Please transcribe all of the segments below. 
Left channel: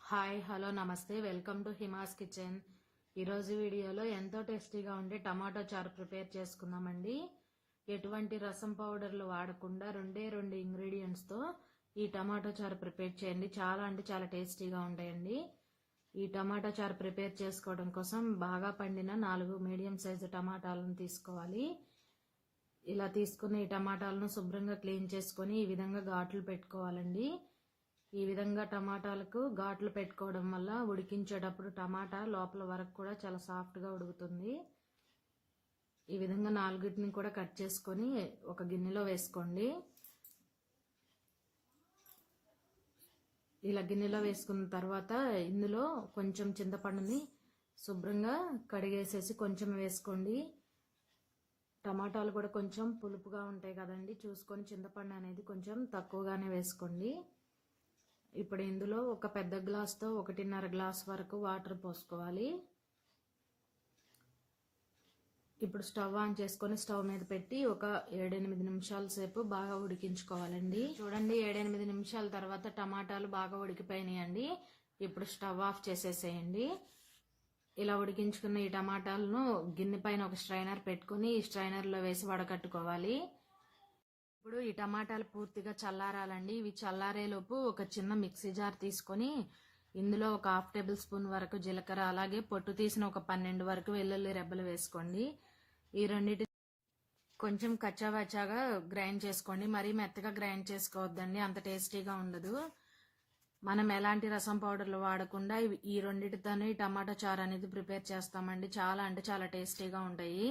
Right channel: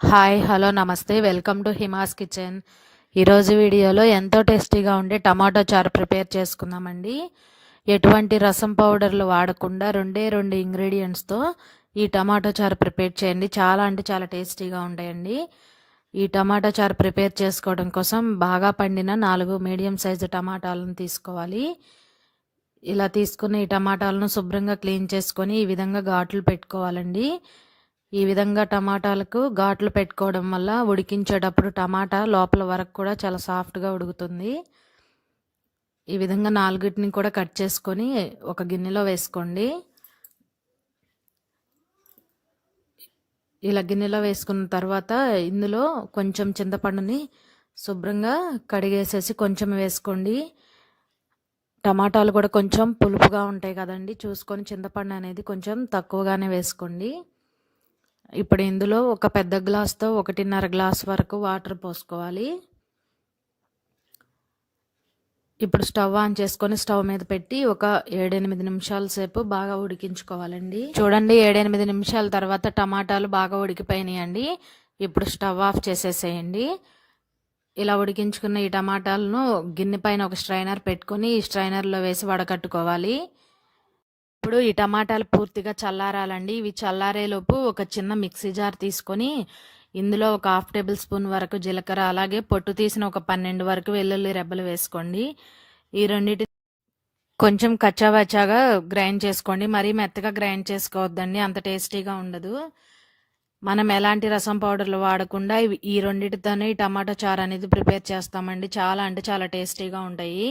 Hi hello namaste. Welcome to Hima's kitchen. ఈరోజు వీడియోలో ఎంతో టేస్టీగా ఉండే టమాటో చారు ప్రిపేర్ చేసుకుందామండి. ఎటువంటి రసం పౌడర్లు వాడకుండా రెండే రెండు ఇంగ్రీడియంట్స్తో ఈ టమాటో చారు ప్రిపేర్ చేయండి. చాలా అంటే చాలా టేస్టీగా ఉంటాయండి. ఈ టమాటో చారు ప్రిపేర్ చేసుకోవడం కోసం బాగా పండిన నాలుగు మీడియం సైజు టమాటాలను తీసుకోవాలి. ఇలా తీసుకున్న ఈ టమాటాలను శుభ్రంగా క్లీన్ చేసుకొని ఈ విధంగా ఘాట్లు పెట్టుకోవాలండి. ఈ విధంగా టమాటాలకు ఘాట్లు పెట్టుకోవడం వల్ల ఉడికించేటప్పుడు టమాటా లోపల వరకు కూడా చాలా సాఫ్ట్గా ఉడుకుతుంది. ఈ విధంగా నాలుగిటిని కూడా కట్ చేసుకొని ఒక గిన్నెలో వేసుకోండి. ఇలా గిన్నెలో వేసుకున్న తర్వాత ఇందులో కొంచెం చింతపండుని శుభ్రంగా కడిగేసేసి కొంచెం వేసుకోండి. టమాటాలు కూడా కొంచెం పులుపుగా ఉంటాయి కదండి. చూసుకొని చింతపండు అనేది కొంచెం తక్కువగానే వేసుకోండి. ఇప్పుడు ఇందులో ఒక పెద్ద గ్లాస్తో ఒకటిన్నర గ్లాస్ వరకు వాటర్ పోసుకోవాలి. ఇప్పుడు స్టవ్ ఆన్ చేసుకొని స్టవ్ మీద పెట్టి ఒక ఏడెనిమిది నిమిషాల సేపు బాగా ఉడికించుకోవాలండి. చూడండి ఏడెనిమిది నిమిషాల తర్వాత టమాటాలు బాగా ఉడికిపోయినాయండి. ఇప్పుడు స్టవ్ ఆఫ్ చేసేసేయండి. ఇలా ఉడికించుకున్న ఈ టమాటాలను గిన్నె పైన ఒక స్ట్రైనర్ పెట్టుకొని ఈ స్ట్రైనర్లో వేసి వడకట్టుకోవాలి. ఇప్పుడు ఈ టమాటాలు పూర్తిగా చల్లారాలండి. ఇవి చల్లారేలోపు ఒక చిన్న మిక్సీ జార్ తీసుకొని ఇందులో ఒక హాఫ్ టేబుల్ స్పూన్ వరకు జీలకర్ర అలాగే పొట్టు తీసిన ఒక పన్నెండు వరకు వెల్లుల్లి రెబ్బలు వేసుకోండి. ఈ రెండింటి కొంచెం కచ్చావచ్చాగా గ్రైండ్ చేసుకోండి. మరీ మెత్తగా గ్రైండ్ చేసుకోవద్దండి అంత టేస్టీగా ఉండదు. మనం ఎలాంటి రసం పౌడర్లు వాడకుండా ఈ రెండింటితోనే ఈ టమాటా చారు అనేది ప్రిపేర్ చేస్తామండి. చాలా అంటే చాలా టేస్టీగా ఉంటాయి.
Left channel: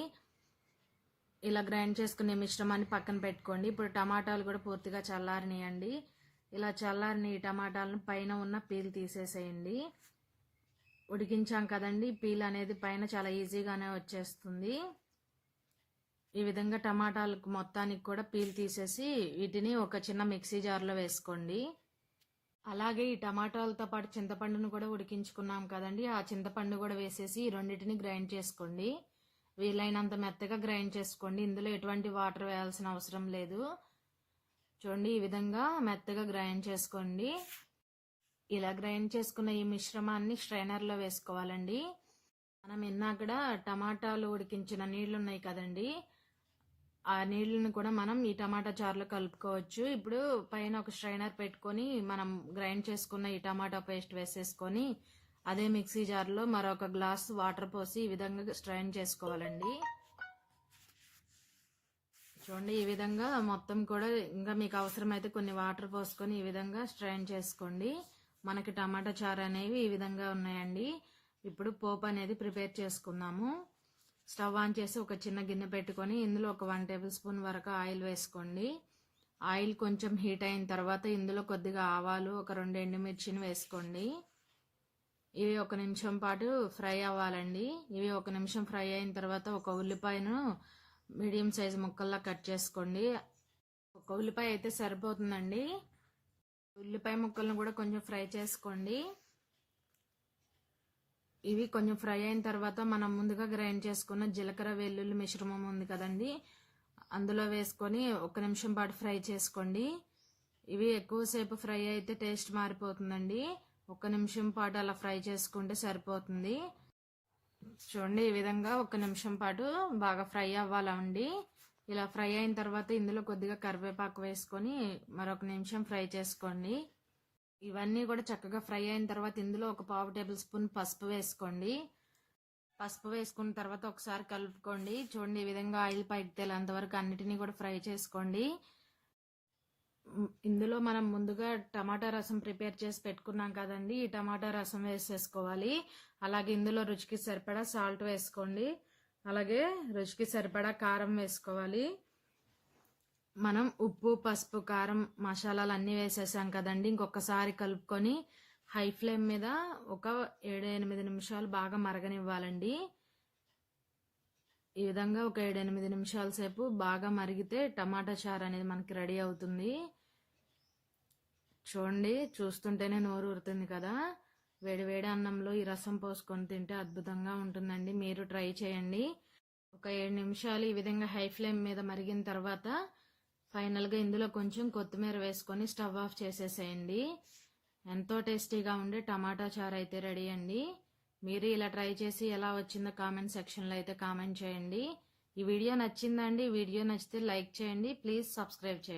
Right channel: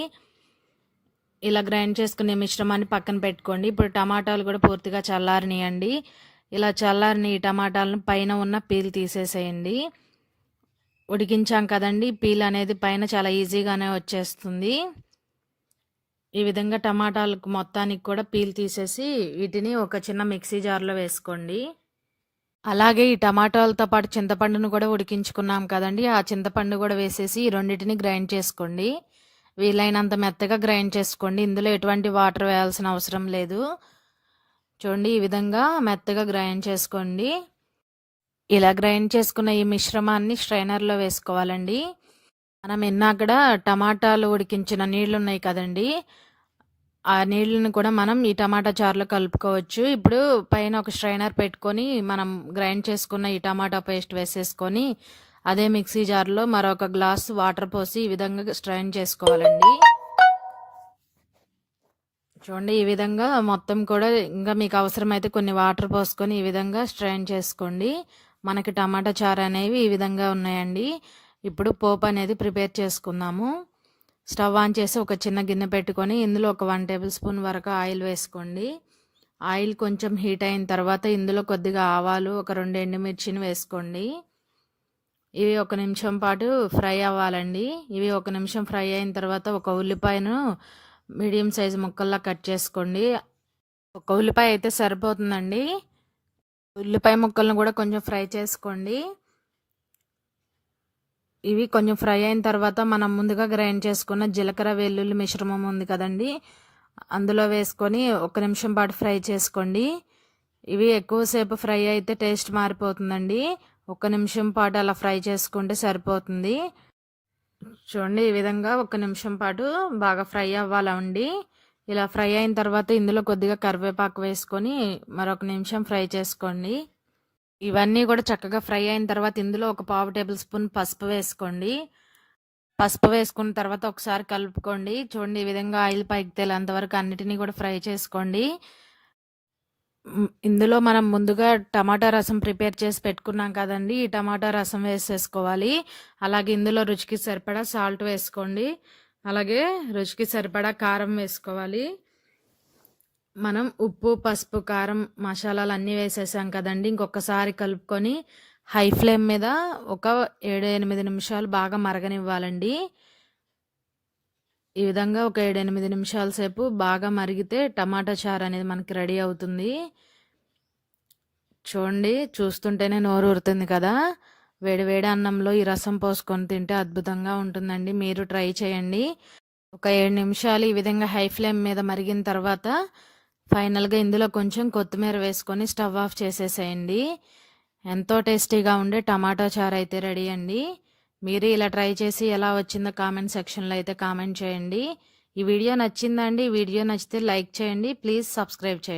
ఇలా గ్రైండ్ చేసుకునే మిశ్రమాన్ని పక్కన పెట్టుకోండి. ఇప్పుడు టమాటాలు కూడా పూర్తిగా చల్లారనియండి. ఇలా చల్లారిని ఈ టమాటాలను పైన ఉన్న పీల్ తీసేసేయండి. ఉడికించాం కదండి. పీల్ అనేది పైన చాలా ఈజీగానే వచ్చేస్తుంది. ఈ విధంగా టమాటాలకు మొత్తానికి కూడా పీల్ తీసేసి వీటిని ఒక చిన్న మిక్సీ జార్లో వేసుకోండి. అలాగే ఈ టమాటాలతో పాటు చింతపండును కూడా ఉడికించుకున్నాం కదండి. ఆ చింతపండు కూడా వేసేసి ఈ రెండింటిని గ్రైండ్ చేసుకోండి. వీలైనంత మెత్తగా గ్రైండ్ చేసుకోండి. ఇందులో ఎటువంటి వాటర్ వేయాల్సిన అవసరం లేదు. చూడండి ఈ విధంగా మెత్తగా గ్రైండ్ చేసుకోండి. ఇలా గ్రైండ్ చేసుకున్న ఈ మిశ్రమాన్ని స్ట్రైనర్లో వేసుకోవాలండి. మనం ఎన్నాకడ టమాటాలు ఉడికించిన నీళ్ళు ఉన్నాయి కదండి. ఆ నీళ్ళని కూడా మనం ఈ టమాటా చారులో కలుపుకోవచ్చు. ఇప్పుడు పైన ఒక స్ట్రైనర్ పెట్టుకొని మనం గ్రైండ్ చేసుకున్న ఈ టమాటా పేస్ట్ వేసేసుకొని అదే మిక్సీ జార్లో మరొక గ్లాస్ వాటర్ పోసి ఈ విధంగా స్ట్రైన్ చేసుకోవాలండి. చూడండి ఈ విధంగా మొత్తం కూడా ఇంకా మీకు అవసరమైతే కొన్ని వాటర్ పోసుకొని ఈ విధంగా స్ట్రైన్ చేసుకోండి. మనకి టమాటా చారు అనేవి ఈ విధంగా ఉన్నాయండి. ఇప్పుడు పోపు అనేది ప్రిపేర్ చేసుకుందాము. స్టవ్ ఆన్ చేసి ఒక చిన్న గిన్నె పెట్టుకొని ఇందులో ఒక వన్ టేబుల్ స్పూన్ వరకు ఆయిల్ వేసుకోండి. ఆయిల్ కొంచెం హీట్ అయిన తర్వాత ఇందులో కొద్దిగా ఆవాలు ఒక రెండు ఎండుమిర్చిని వేసుకోండి. ఇవి ఒక నిమిషం పాటు ఫ్రై అవ్వాలండి. ఇవి ఒక నిమిషం ఫ్రై అయిన తర్వాత ఒక ఉల్లిపాయను మీడియం సైజు ముక్కల్లా కట్ చేసుకోండి. ఒక ఉల్లిపాయ అయితే సరిపోతుందండి. ఉల్లిపాయ ముక్కలను కూడా కొంచెం ఫ్రై చేసుకోండి. ఇవి కొంచెం ఫ్రై అయిన తర్వాత మనం ముందుగా గ్రైండ్ చేసుకున్న జీలకర్ర వెల్లుల్లి మిశ్రమం ఉంది కదండి. అందులో వేసుకొని ఒక నిమిషం పాటు ఫ్రై చేసుకోండి. ఇవి ఎక్కువసేపు ఫ్రై అయితే టేస్ట్ మారిపోతుందండి. ఒక నిమిషం పాటు అలా ఫ్రై చేసుకుంటే సరిపోతుంది. చూడండి ఈ విధంగా ఒక నిమిషం పాటు బాగా ఫ్రై అవ్వాలండి ఇలా ఫ్రై అయిన తర్వాత ఇందులో కొద్దిగా కరివేపాకు వేసుకొని మరొక నిమిషం ఫ్రై చేసుకోండి. ఇవన్నీ కూడా చక్కగా ఫ్రై అయిన తర్వాత ఇందులో ఒక పావు టేబుల్ స్పూన్ పసుపు వేసుకోండి. పసుపు వేసుకున్న తర్వాత ఒకసారి కలుపుకోండి. చూడండి ఈ విధంగా ఆయిల్ పైకి తేలేంతవరకు అన్నిటినీ కూడా ఫ్రై చేసుకోండి. ఇందులో మనం ముందుగా టమాటా రసం ప్రిపేర్ చేసి పెట్టుకున్నాం కదండి. ఈ టమాటా రసం వేసేసుకోవాలి. అలాగే ఇందులో రుచికి సరిపడా సాల్ట్ వేసుకోండి. అలాగే రుచికి సరిపడా కారం వేసుకోవాలి. మనం ఉప్పు పసుపు కారం మసాలాలు అన్నీ వేసేసాం కదండి. ఇంకొకసారి కలుపుకొని హై ఫ్లేమ్ మీద ఒక ఏడు ఎనిమిది నిమిషాలు బాగా మరగనివ్వాలండి. ఈ విధంగా ఒక ఏడు ఎనిమిది నిమిషాల సేపు బాగా మరిగితే టమాటా చారు అనేది మనకి రెడీ అవుతుంది. చూడండి చూస్తుంటేనే నోరు ఊరుతుంది కదా. వేడివేడి అన్నంలో ఈ రసం పోసుకొని తింటే అద్భుతంగా ఉంటుందండి. మీరు ట్రై చేయండి. ఒక ఏడు నిమిషాలు ఈ విధంగా హై ఫ్లేమ్ మీద మరిగిన తర్వాత ఫైనల్గా ఇందులో కొంచెం కొత్తిమీర వేసుకొని స్టవ్ ఆఫ్ చేసేసేయండి. ఎంతో టేస్టీగా ఉండే టమాటా చారు అయితే రెడీ అండి. మీరు ఇలా ట్రై చేసి ఎలా వచ్చిందో కామెంట్ సెక్షన్లో అయితే కామెంట్ చేయండి. ఈ వీడియో నచ్చిందండి ఈ వీడియో నచ్చితే లైక్ చేయండి ప్లీజ్ సబ్స్క్రైబ్ చేయండి.